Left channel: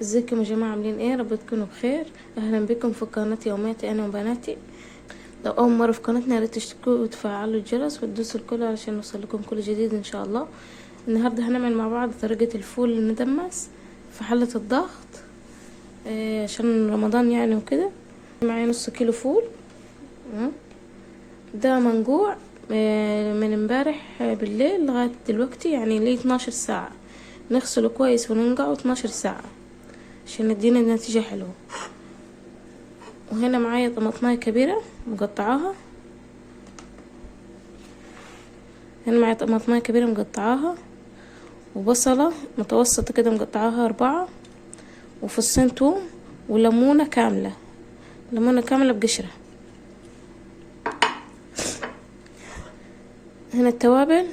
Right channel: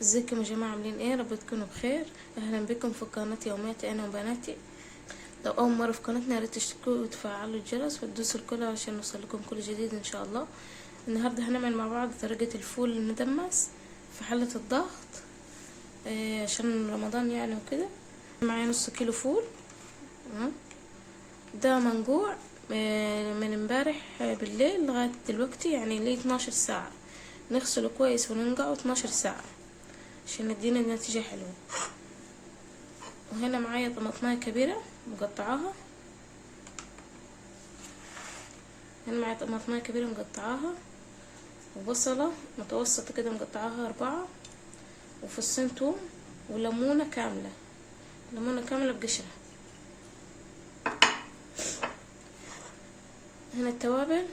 ازيكم يا جماعة، عاملين ايه؟ رب تكونوا بخير. اهلا بكم في قناة يومياتي انا وبناتي. لو اول مرة في قناتنا ياريت تشتركوا وتفعلوا الجرس وتدوسوا الكل علشان يوصل لكم كل جديد ان شاء الله. النهاردة هنعمل مع بعض طريقة الفول المدمس في حلة الضغط، عشان رمضان يعني وكده. معايا نص كيلو فول. ده منقوع من امبارح بالليل لغاية دلوقتي، يعني ليه 12 ساعة. نغسله كويس وننقعه 12 ساعة عشان يدينا نتيجة حلوة. وهنا معايا طماطماية كبيرة مقطعاها. هنا معايا طماطماية كبيرة مقطعاها، وبصلة متوسطة كده مقطعاها 4، وفصين توم، وليمونة كاملة، ليمونة كاملة بقشرة. هنا التوابل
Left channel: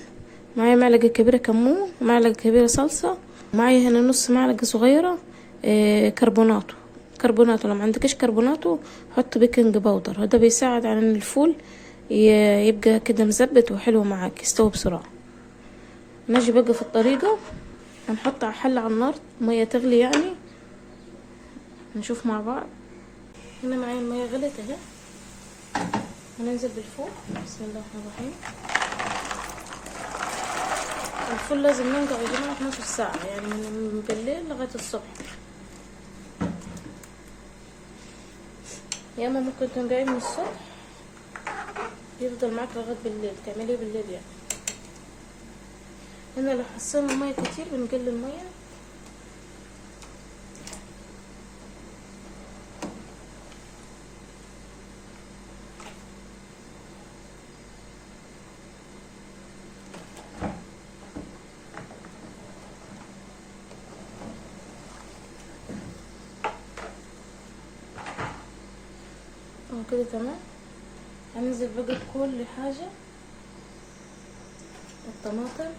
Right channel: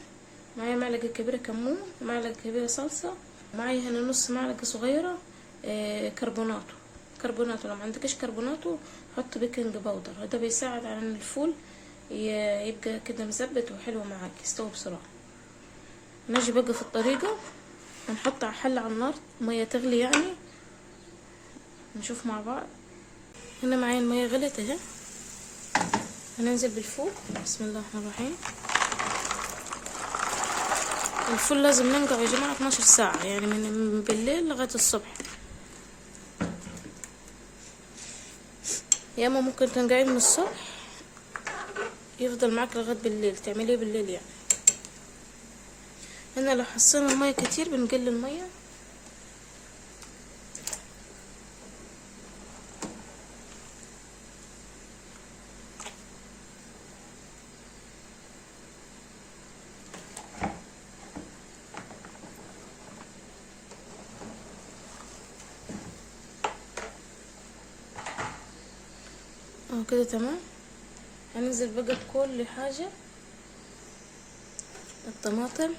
معايا معلقة كبيرة كمون، ومعلقة كبيرة صلصة، ومعايا هنا نص معلقة صغيرة كربوناتو. لو ما عندكش كربوناتو حط بيكنج باودر، هذا بيساعد على ان الفول يبقى كده مزبت وحلو معاك، يستوي بسرعة. نجي بقى في الطريقة، هنحط على حلة على النار مية تغلي يعني. نشوف مع بعض. هنا معايا المية غلت اهي. هننزل بالفول. بسم الله الرحمن الرحيم. الفول لازم ننقع يا جماعة 12 ساعة، يعني من بالليل لغاية الصبح. يا اما ممكن تنقعيه من الصبح يفضل معاك لغاية بالليل، تعمليه بالليل يعني. هنا لو حسينا المية كتير بنقلل المية. كده تمام. هننزل بقى بكل حاجة. الطماطم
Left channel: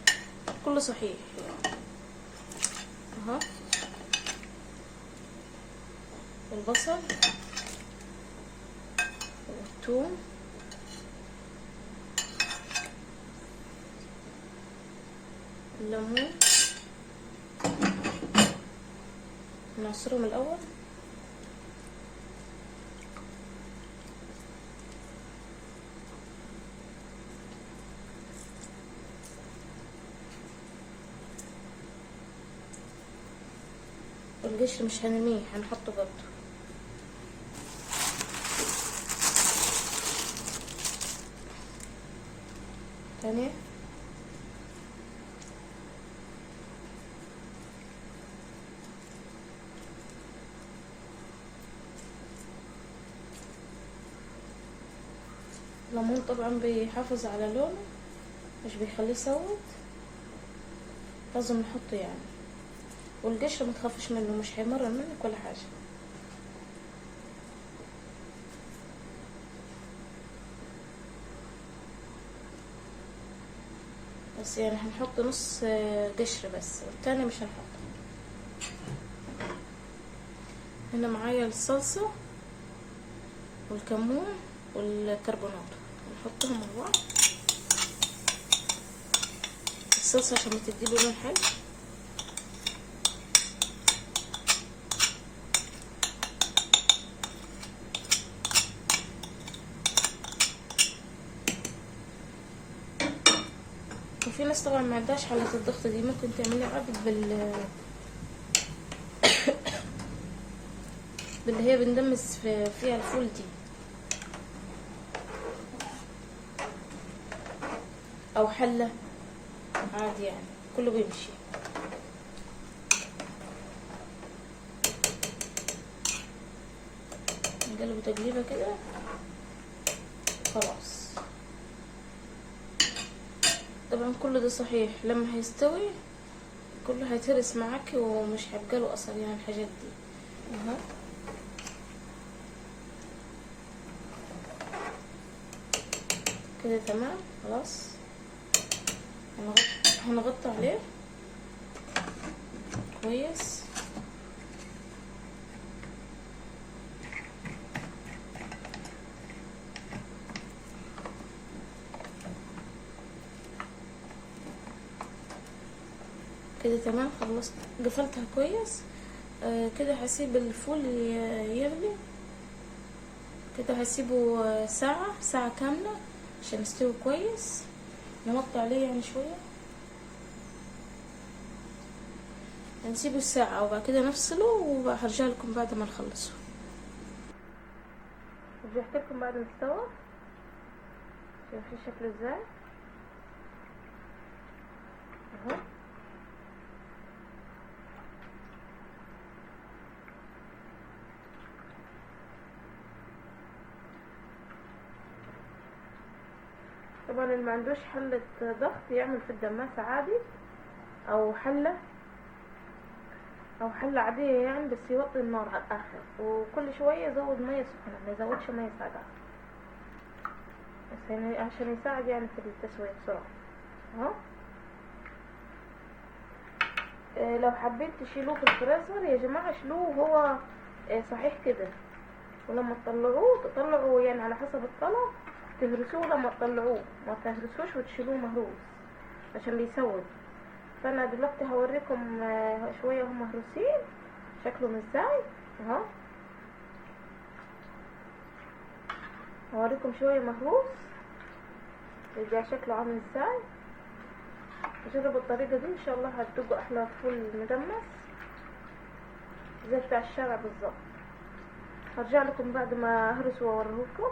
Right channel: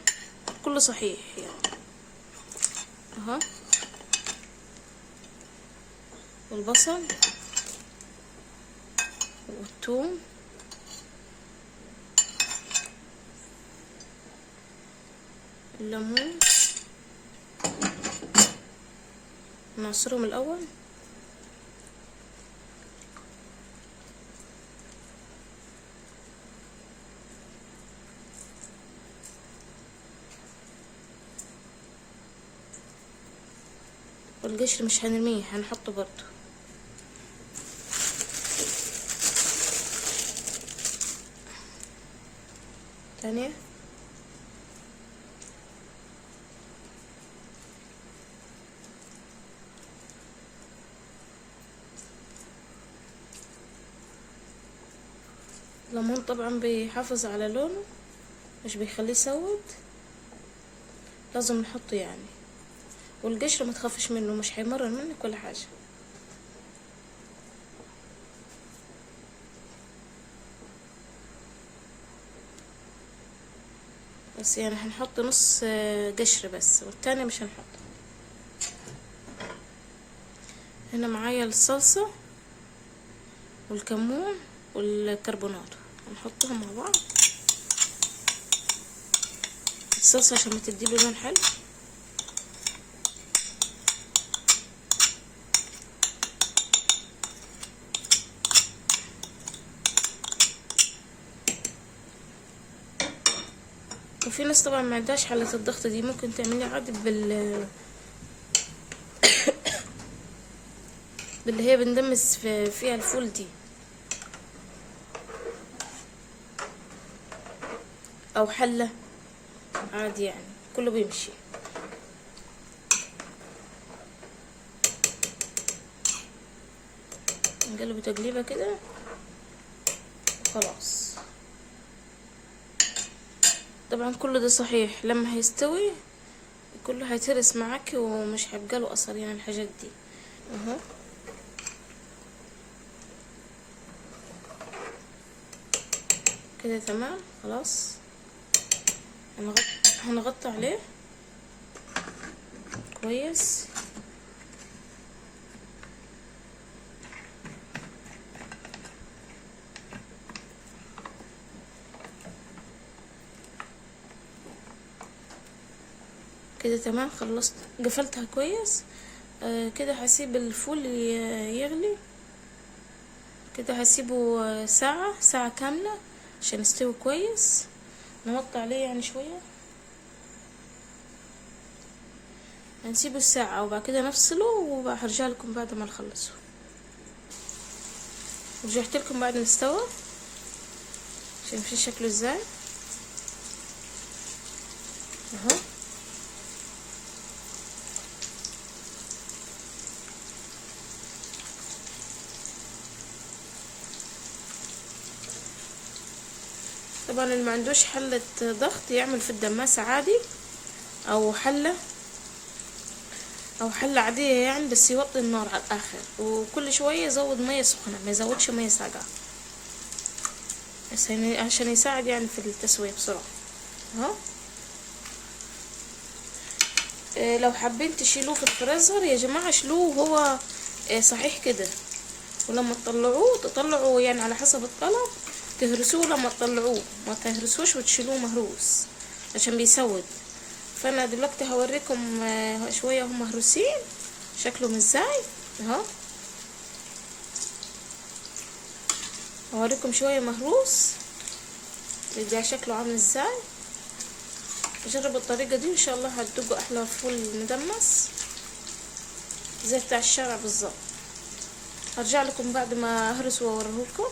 كله صحيح يعني اهو، والبصل والثوم الليمون نعصرهم الاول. والقشر مش هنرميه، هنحطه برضو. تانية الليمون طبعا بيحافظ على لونه، مش بيخليه يسود، لازم نحطه يعني. والقشر ما تخافش منه، مش هيمرر منك ولا حاجه. بس يعني هنحط نص قشر بس، والتاني مش هنحطه. هنا معايا الصلصه والكمون والكربونات، نحطهم مع بعض. الصلصه عشان تديله لون حلو. وفي ناس طبعا ما عندهاش حلة الضغط دي، ممكن تعملي عادي باللي هي بندمس فيها الفول دي، او حلة عادي يعني، كله بيمشي. نقلب تقليبه كده خلاص. طبعا كله ده صحيح، لما هيستوي كله هيتهرس معاكي ومش هيبقى له اثر يعني الحاجات دي اهو. كده تمام خلاص. هنغطي عليه كويس. كده تمام خلصت، قفلتها كويس. كده هسيب الفول يغلي كده، هسيبه ساعة كاملة عشان يستوي كويس. نوطي عليه يعني شوية، نسيبه ساعة وبعد كده نفصله، وهرجع لكم بعد ما نخلصه. رجعت لكم بعد ما استوى، شايفين شكله ازاي اهو. طبعا اللي ما عندوش حلة ضغط يعمل في الدماسة عادي، او حلة عادية يعني، بس يوطي النار على الاخر، وكل شوية يزود مية سخنة، ما يزودش مية ساقعة، بس عشان يساعد يعني في التسوية بسرعة اهو. لو حابين تشيلوه في الفريزر يا جماعة شيلوه وهو صحيح كده، ولما تطلعوا يعني على حسب الطلب تهرسوه، لما تطلعوه ما تهرسوش وتشيلوه مهروس عشان بيسود. فانا دلوقتي هوريكم شويه هم مهروسين شكلهم ازاي اهو. هوريكم شويه مهروس يبقى شكله عامل ازاي. جربوا الطريقه دي ان شاء الله هتدوقوا احلى فول مدمس زي بتاع الشارع بالظبط. هرجع لكم بعد ما اهرس واوريكم.